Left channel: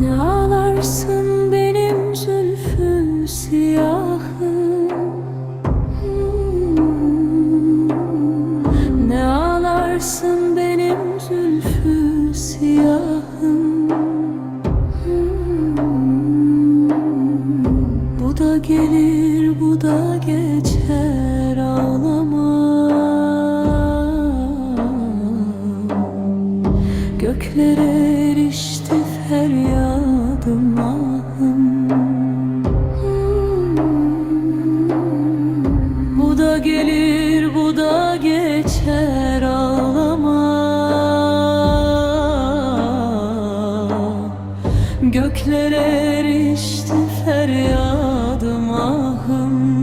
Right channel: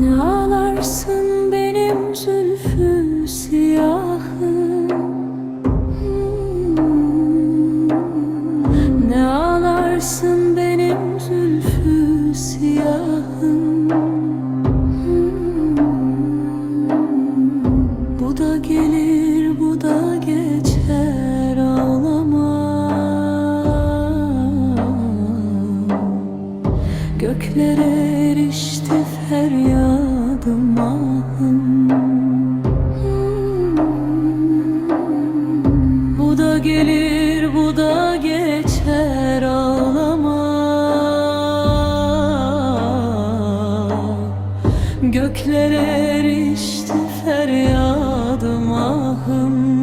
Ne ağlarsın benim zülfü siyahım, Ne ağlarsın benim zülfü siyahım, Bu da gelir bu da geçer, ağlama. Göklere erişti feryadım, ahım. Bu da gelir bu da geçer, ağlama. Göklere erişti feryadım, ahım.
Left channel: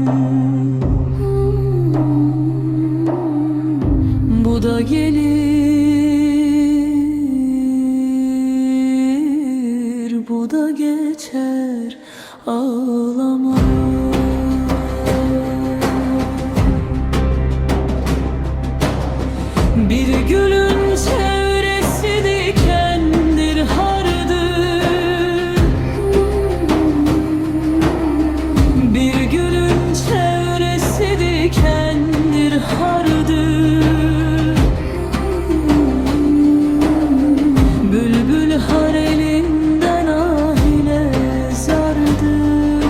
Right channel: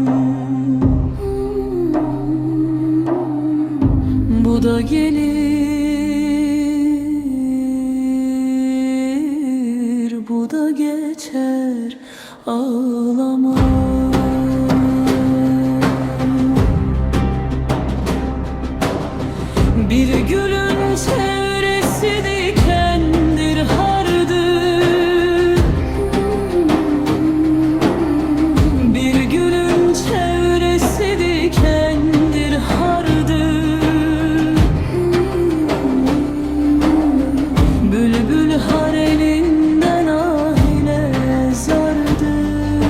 Bu da gelir bu da geçer, ağlama. Bir gülün çevresi dikendir, hardır. Bir gülün çevresi dikendir, hardır. Bülbül har elinden ah ile zardır.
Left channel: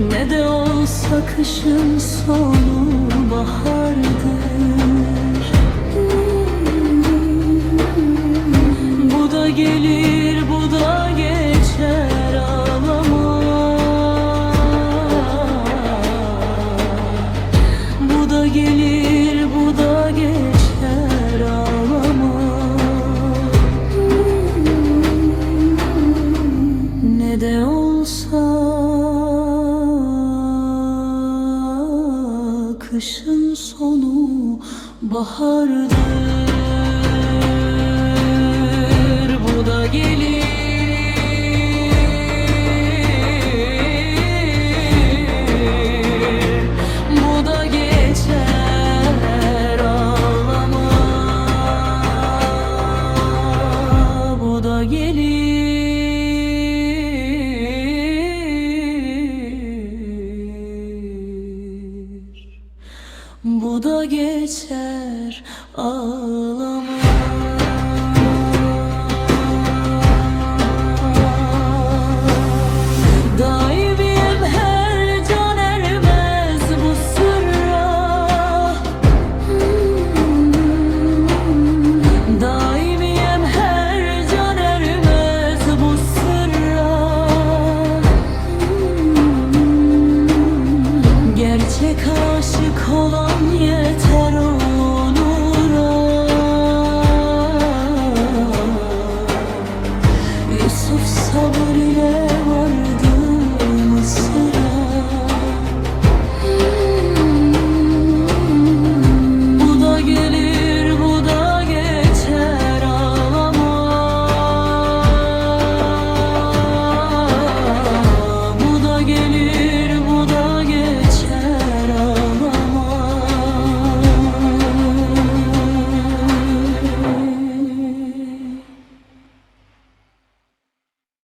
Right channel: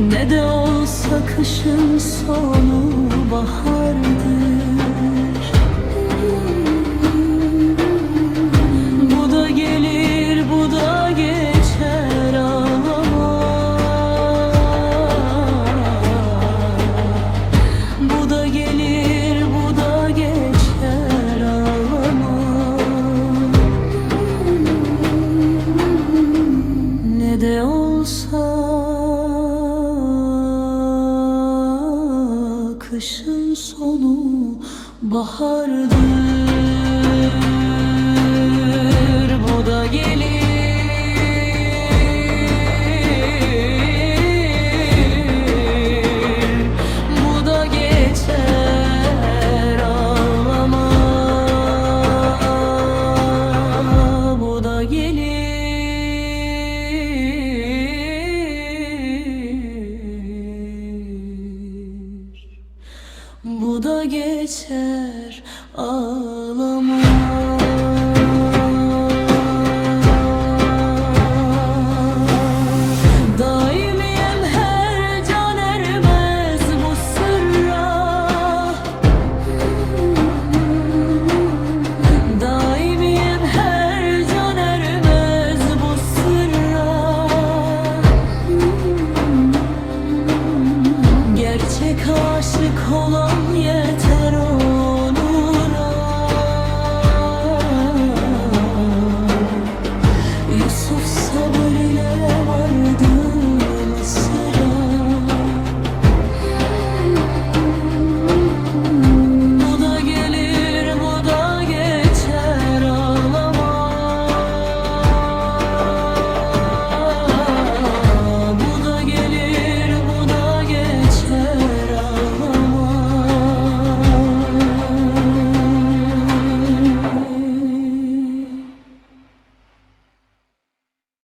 Ne de olsa kışın sonu bahardır. Bu da gelir bu da geçer, ağlama. Bu da gelir bu da geçer, ağlama. Ne de olsa kışın sonu bahardır. Bu da gelir bu da geçer, ağlama. Bu da gelir bu da geçer, ağlama. Daimiyem her can ermez bu sırra. Daimiyem her can ermez bu sırra. Gerçek aşık olan